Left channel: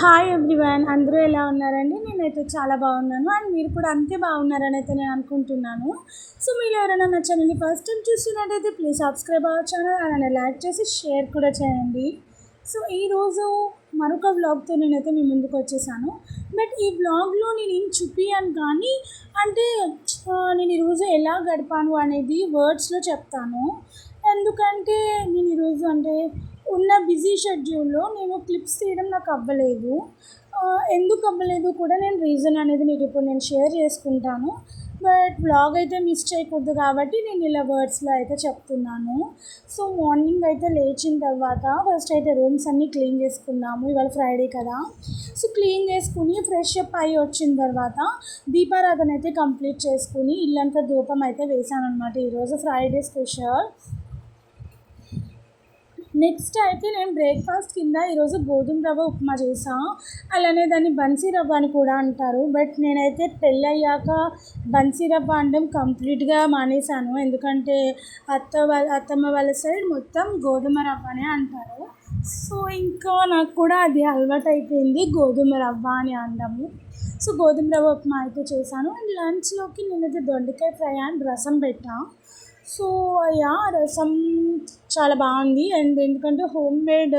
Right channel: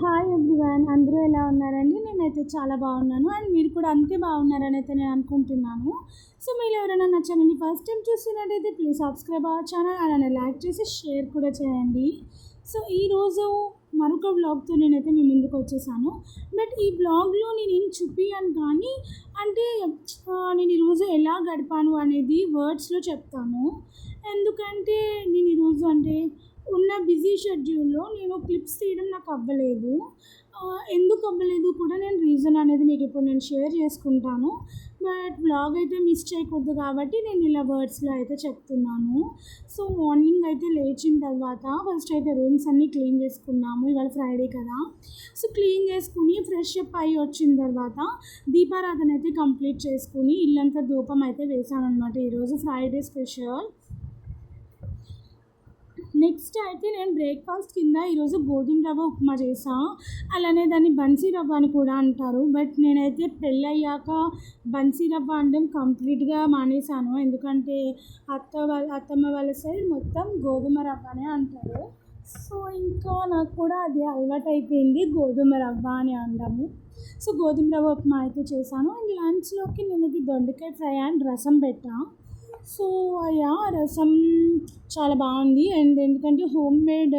Hi everyone, అందరూ ఎలా ఉన్నారండి? నేనైతే చాలా బాగున్నాను అండ్ మీరు కూడా అంతే బాగున్నారని అయితే నేను అనుకుంటున్నాను. సో మీరు ఎవరైనా నా ఛానల్ని ఫస్ట్ టైం చూస్తున్నట్టయితే ప్లీజ్ సబ్స్క్రైబ్ అవర్ ఛానల్, అలానే లైక్ చేసి షేర్ కూడా చేయండి. సో ఈరోజు మరొక వ్లాగ్తో నేనైతే మీ ముందుకు వచ్చేసాను. బట్ ఈ వ్లాగ్లో నేను ఏం చూపియను కానీ అంటే నేను ఈరోజు ఎలా గడిపాను అనేది వర్డ్స్లో చెప్తాను. ఎందుకంటే నేను ఈరోజు అంటే ఉన్న బిజీ షెడ్యూల్లో నేను క్లిప్స్ తీయడం నాకు అవ్వలేదు. ఎందుకు అవ్వలేదు కూడా నేను రీజన్ అనేది మీకు ఇప్పుడు నేను షేర్ చేసుకుంటాను. బట్ వ్లాగ్ అయితే మిస్ చేయకూడదు కాబట్టి నేను ఇలా వర్డ్స్లో అయితే చెప్తున్నాను. సో మార్నింగ్ అయితే లేచిన తర్వాత ఫస్ట్ అయితే రూమ్స్ అన్నీ క్లీన్ చేసుకున్నాము. ఇవాళ ఫ్రైడే కదా, సో క్లీన్ చేసుకుని ఫ్రెష్ అప్ అయ్యి వచ్చిన తర్వాత దీపారాధన అయితే కంప్లీట్ చేసుకుని ఇల్లంతా ధూపం అయితే వేసాను అనమాట. ఈరోజు ఫ్రైడే స్పెషల్. నెక్స్ట్ అయితే నేను బ్రేక్ఫాస్ట్ కింద ఈరోజు గోధుమ రవ్వ ఉప్మా చేసాను. అలానే దాన్ని బన్సీ రవ్వ అని కూడా అంటారు. బట్ నేనైతే పెళ్ళయ్యాక బన్సీ రవ్వ అనడం కంప్లీట్గా మానేశాను. ఎందుకంటే అత్తమ్మ వాళ్ళ సైడ్ మొత్తం గోధుమ రవ్వనే అంటారు. సో ఇంకా నాకు కూడా అది అలవాటు అయిపోయింది గోధుమ రవ్వ అని అనడము. సో గోధుమ రవ్వ ఉప్మా అయితే చేశాను. అండ్ లంచ్లోకి నేనైతే దొండకాయ ఫ్రై అండ్ రసం పెట్టాను. సో రసం చాలా బాగుంది. అండ్ ఎందుకంటే హోమ్ మేడ్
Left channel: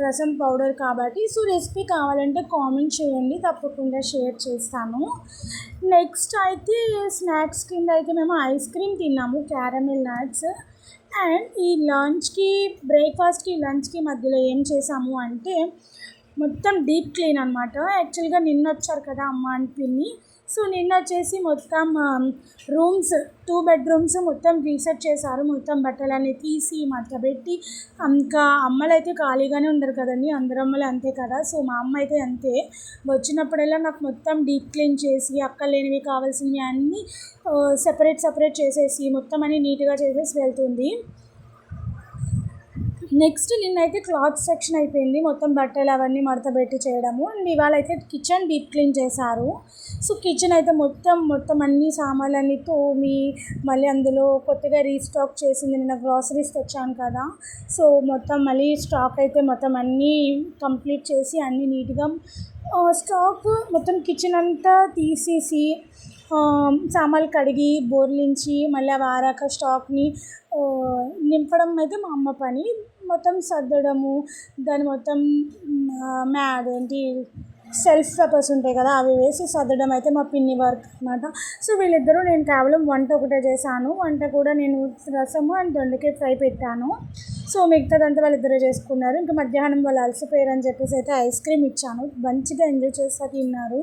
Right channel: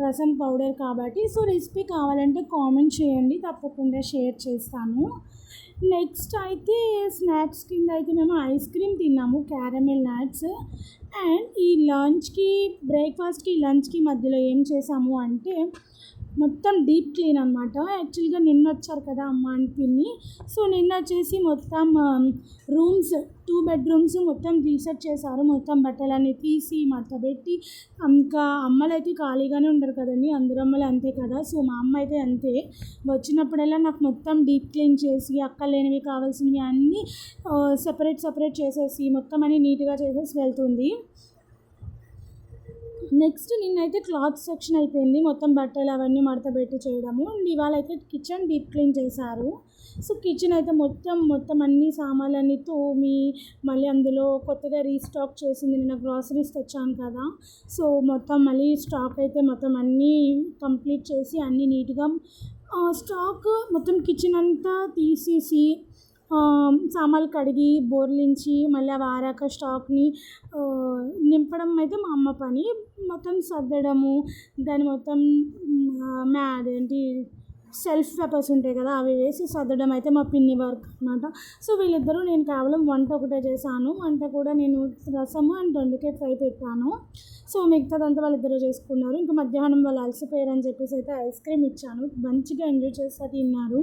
రసం పౌడర్ కాబట్టి సో రెసిపీ కావాలంటే కామెంట్ చేయండి, తప్పకుండా షేర్ చేస్తాను. నెక్స్ట్ అయితే స్నాక్స్ కింద అయితే మేము ఐస్ క్రీమ్ తిన్నాము, క్యారమెల్ నట్స్. అండ్ ఈ లంచ్కి బ్రేక్ఫాస్ట్కి లంచ్కి మధ్యలో ఏం చేసాము అంటే మొత్తం డీప్ క్లీన్ అనమాట. యాక్చువల్గా నిన్న వచ్చారు కదా అమ్మ అండ్ పిన్ని. సో నిన్న వచ్చేసి మొత్తం రూమ్స్ 2 బెడ్రూమ్స్ మొత్తం రీసెట్ చేశారు. మొత్తం బట్టలన్నీ తీసి మడతపెట్టి, ఇంకా అమ్మలు అయితే ఖాళీగానే ఉండరు కదండి, అందరు అమ్మలు అంతే కదా. సో మా అమ్మ అయితే అంతే, వచ్చినప్పుడల్లా నాకు మొత్తం డీప్ క్లీన్ చేసి అక్కర్లేనివి కావాల్సినవి అన్నీ సెపరేట్ చేసేసి మొత్తం అన్నీ నీట్గా చేసేసి వెళ్తుంది. నెక్స్ట్ నిన్నైతే క్లాత్ సెక్షన్ అయిపోయింది, మొత్తం బట్టలు అవన్నీ మడతపెట్టి చేయడము. అండ్ ఇవాళ అయితే కిచెన్ డీప్ క్లీన్ చేశారు. సో కిచెన్ అయితే మొత్తం అన్ని సామాన్లన్నీ తోమి మళ్ళీ అందులో కొత్తగా రీస్టాక్ చేసింది. నిన్న గ్రాసరీస్ తెచ్చాను కదా, సో మొత్తం మళ్ళీ స్టాక్ అయితే మొత్తం అన్నీ కంప్లీట్ చేసి అన్నీ నీట్గా స్టాక్ మొత్తం కిచెన్ అంతా తీసేసి సామాన్లు కడిగి బోర్లించి మళ్ళీ అవి ఆరాక స్టాక్ని నింపడం అయితే మా అమ్మ పని. మొత్తం సర్దడము, దాన్ని మొత్తం అదేంటి సెల్ఫ్ పేపర్స్ ఉంటాయి కదా అవి వేసి సర్దడం అయితే మా పిన్ని వర్క్ అనమాట. సో వీళ్ళిద్దరూ, నేను కేవలం వంట ఒకటే చేశాను. వంట కూడా నేను రసము అండ్ దొండకాయ ఫ్రై పెట్టాను. సో మిగతాదంతా వాళ్ళిద్దరూ చేసుకున్నారు. ఇంకా మధ్యాహ్నం వాళ్ళు అలసిపోయారని చెప్పేసి అయితే ఐస్ క్రీమ్ ఇచ్చాను, మంచిగా ఎంజాయ్ చేస్తా తిన్నారు.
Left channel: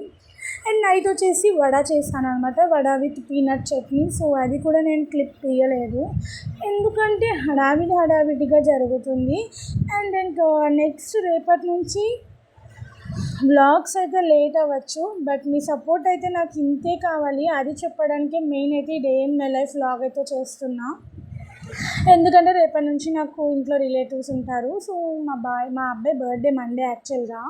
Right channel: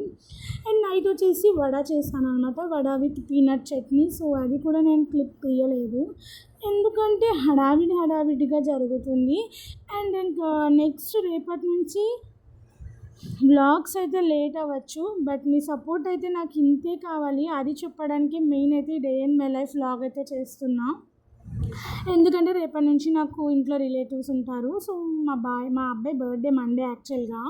అండ్ నైట్ వచ్చేసి వడ చేశాను అనమాట, vada with peanut chutney. So అది కూడా నేను క్లిప్ తీయలేదు ఎందుకంటే హడావిడిగా జరుగుతుంది. అండ్ ఇంకా నెక్స్ట్ రేపటి నుంచి వ్లాగ్స్ అయితే లేట్ అవ్వచ్చు, బట్ మీ సపోర్ట్ అయితే నాకు ఇంతే కావాలి. అది చెప్పడానికే మెయిన్ అయితే day in my life vlog అయితే చేస్తున్నా. ఎందుకంటే రేపటి నుంచి నాకు ఇంట్లో రిలేటివ్స్ ఉంటారు. సో మా అబ్బాయి బర్త్డే మండే యాక్చువల్గా.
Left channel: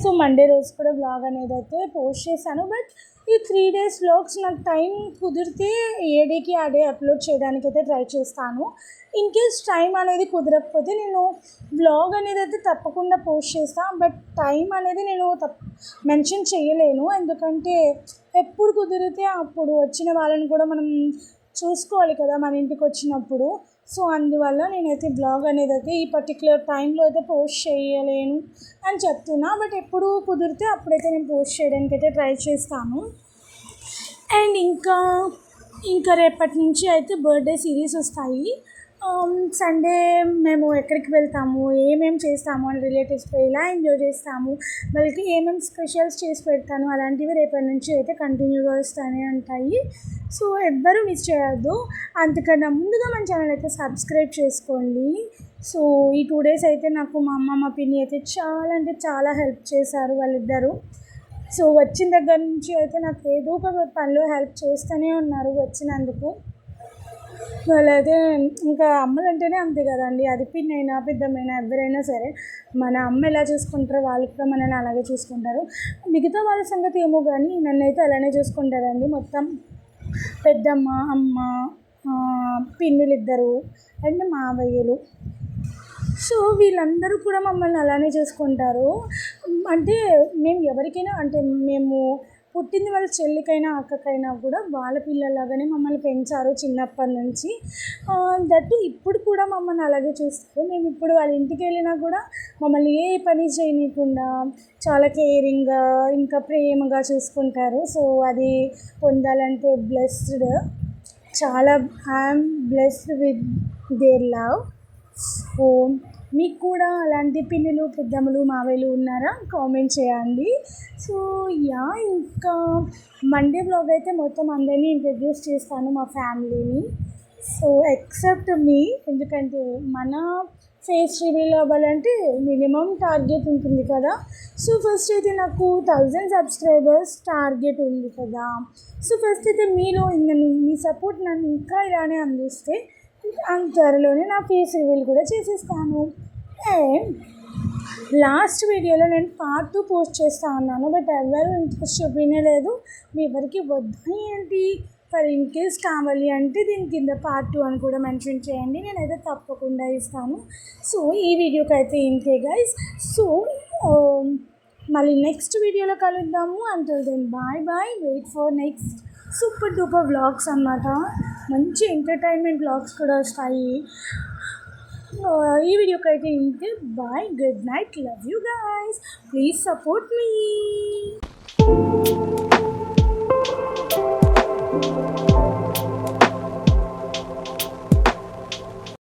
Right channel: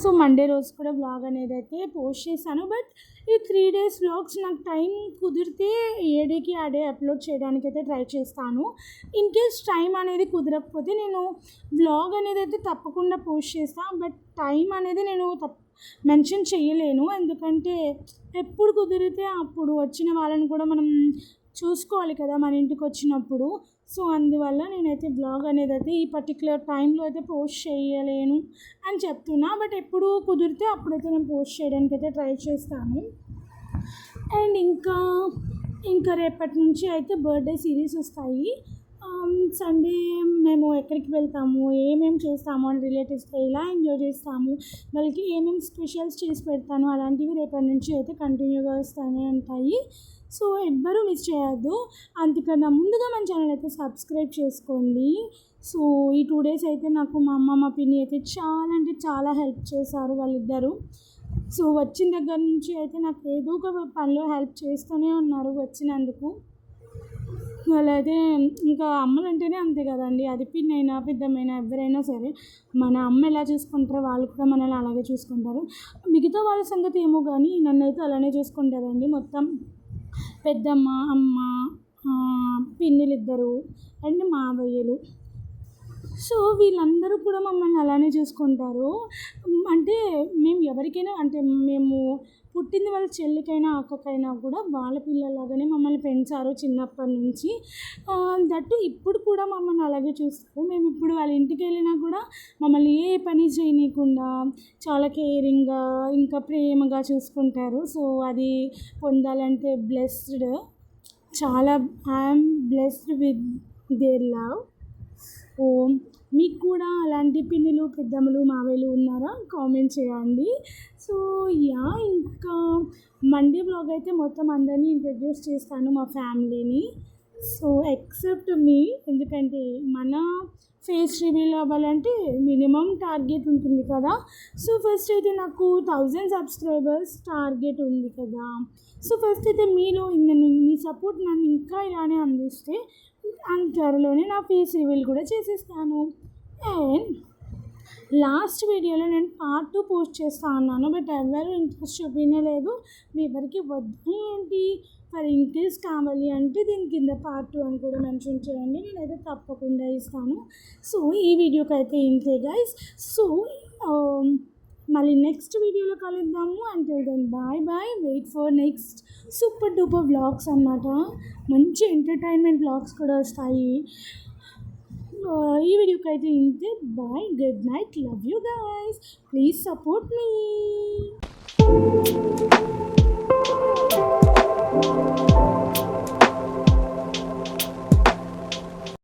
సో మండే రోజు కూడా వ్లాగ్ అనేది అయితే పోస్ట్ చేశాను. బట్ ఈ 3 days వ్లాగ్స్ నాకు టైం కుదిరితే ఏ డేకి ఆ డే అప్లోడ్ చేయడానికి అయితే ట్రై చేస్తాను. ఇన్ కేస్ టైం అనేది కుదరకపోతే నేను వ్లాగ్ అనేది అయితే తప్పకుండా పోస్ట్ చేస్తాను. బట్ టైం అనేది నేను మెన్షన్ చేయలేను, ఎందుకంటే ఎప్పుడు కుదిరితే అప్పుడు వచ్చిన వాళ్ళని కూడా మనం చూసుకోవాలి కదా మన ఇంటికి వచ్చినప్పుడు. సో అందువల్ల నేనైతే బ్లాగ్ అనేది అయితే ఈ పర్టికులర్ టైంలో అయితే పోస్ట్ చేయలేను అని చెప్తున్నా. బట్ ఎప్పుడు కుదిరితే అప్పుడైతే నేను పోస్ట్ చేయడానికి అయితే ట్రై చేస్తాను. అండ్ ఇంకా రేపటి నుంచి అయితే బర్త్డే సిరీస్ వస్తాయి. సండే మేము ఎక్కడికి వెళ్తాము, ఏమేమి చేస్తాము అని రిలేటివ్స్తో ఎలా ఎంజాయ్ చేస్తాము, వాళ్ళకి ఏమేమి స్పెషల్స్ చేసి పెడతాను అలాంటివి రేపటి నుంచి అయితే కంటిన్యూగా వస్తూనే ఉంటాయి. సో ఎవ్వరూ మిస్ చేయొద్దు. అంతకన్నా ముందుగా మన ఛానల్ అయితే సబ్స్క్రైబ్ చేసుకోండి. సో ఈ 2 days అయితే నాకు మా అమ్మ మా పిన్ని అయితే చాలా అంటే చాలా హెల్ప్ చేశారు వాళ్ళిద్దరూ. సో వచ్చిన దగ్గర నుంచి అయితే నాకు ఏదో ఒక పనిలో హెల్ప్ చేస్తూనే ఉన్నారు వచ్చినందుకు. వాళ్ళైతే ఇంకా అమ్మలు అంటేనే అంతే కదండి, అది పిన్నైనా పెద్దమ్మైనా ఎవరైనా సరే మన అమ్మ ఎలా చూసుకుంటారో వాళ్ళు కూడా మనల్ని అలాగే చూసుకుంటారు. మిగతా వాళ్ళ సంగతి ఏమో కానీ నన్నైతే అలానే చూసుకుంటారండి. మొత్తం పెద్దమ్మ, అమ్మ, పిన్నులు ఇద్దరు అండ్ మావయ్యలు. సో వీళ్ళందరూ కూడా మమ్మల్ని అలానే చూసుకుంటారు. అంటే మేము ఎవరికైనా అంటే మేము పుట్టింది వాళ్ళ చెల్లికైనా అక్కకైనా కూడా వాళ్ళ పిల్లలాగానే మమ్మల్ని పెంచారు చిన్నప్పటి నుంచి. దట్టు ఇప్పుడు కూడా మమ్మల్ని అలాగే చూస్తారు. మేము ఇప్పుడు వాళ్ళ ఇంటికి వెళ్ళినా కూడా మమ్మల్ని ఏ పని చేయనీయకుండా చాలా కేరింగ్గా ఇంకా ప్రేమగా చూసుకుంటారు. సో అది పొందాలంటే బ్లెస్డ్, చాలా I'm blessed with their love. So మీకు కూడా అలాంటి పిన్నులు, పెద్దమ్మలు, మావయ్యలు ఉన్నారా? కామెంట్ చేయండి. సో ఇంకా మండే వ్లాగ్ అయితే మొత్తం అందరినీ ఇంట్రడ్యూస్ చేస్తాను, మా ఫ్యామిలీని. సో ఎక్సెప్ట్ మీ, ఎందుకంటే మన ఫేస్ రివీల్ అవ్వాలంటే మినిమం టార్గెట్ ఉంటుంది కదా. సో ఫస్ట్ అయితే నాకు 1000 సబ్స్క్రైబర్స్ టార్గెట్ ఉంది కదా. సో ఫస్ట్ అయితే మీలో మీ సపోర్ట్ నన్ను ఇంకా ఇలానే అందిస్తే అంత త్వరలోనే నా ఫేస్ రివీల్ కూడా చేసేస్తాను. అండ్ లాస్ట్ వీడియోలో నేను పార్ట్ 2 పోస్ట్ చేస్తా ఉన్నాను, బట్ ఎవరు ఇంట్రెస్ట్ చూపించలేదు. మీ ఎవరికి వద్దా ఏంటి, ఫర్ ఇన్ కేస్ కావాలి అంటే దీని కింద పార్ట్ 2 అని కూడా మెన్షన్ చేయండి, నేనైతే తప్పకుండా ఇస్తాను. సో ఈ వీడియోకి అయితే ఇంతే గైస్. సో మళ్ళీ నెక్స్ట్ వీడియోలో కలుద్దాము. Until then bye bye. Wait for next super duper vlogs అన్నమాట. మంచి ఎంటర్టైన్మెంట్ వ్లాగ్స్ కూడా వస్తాయి. ఈ వీడియోకి అయితే ఇంతే. Bye, good night, love you guys, please support me.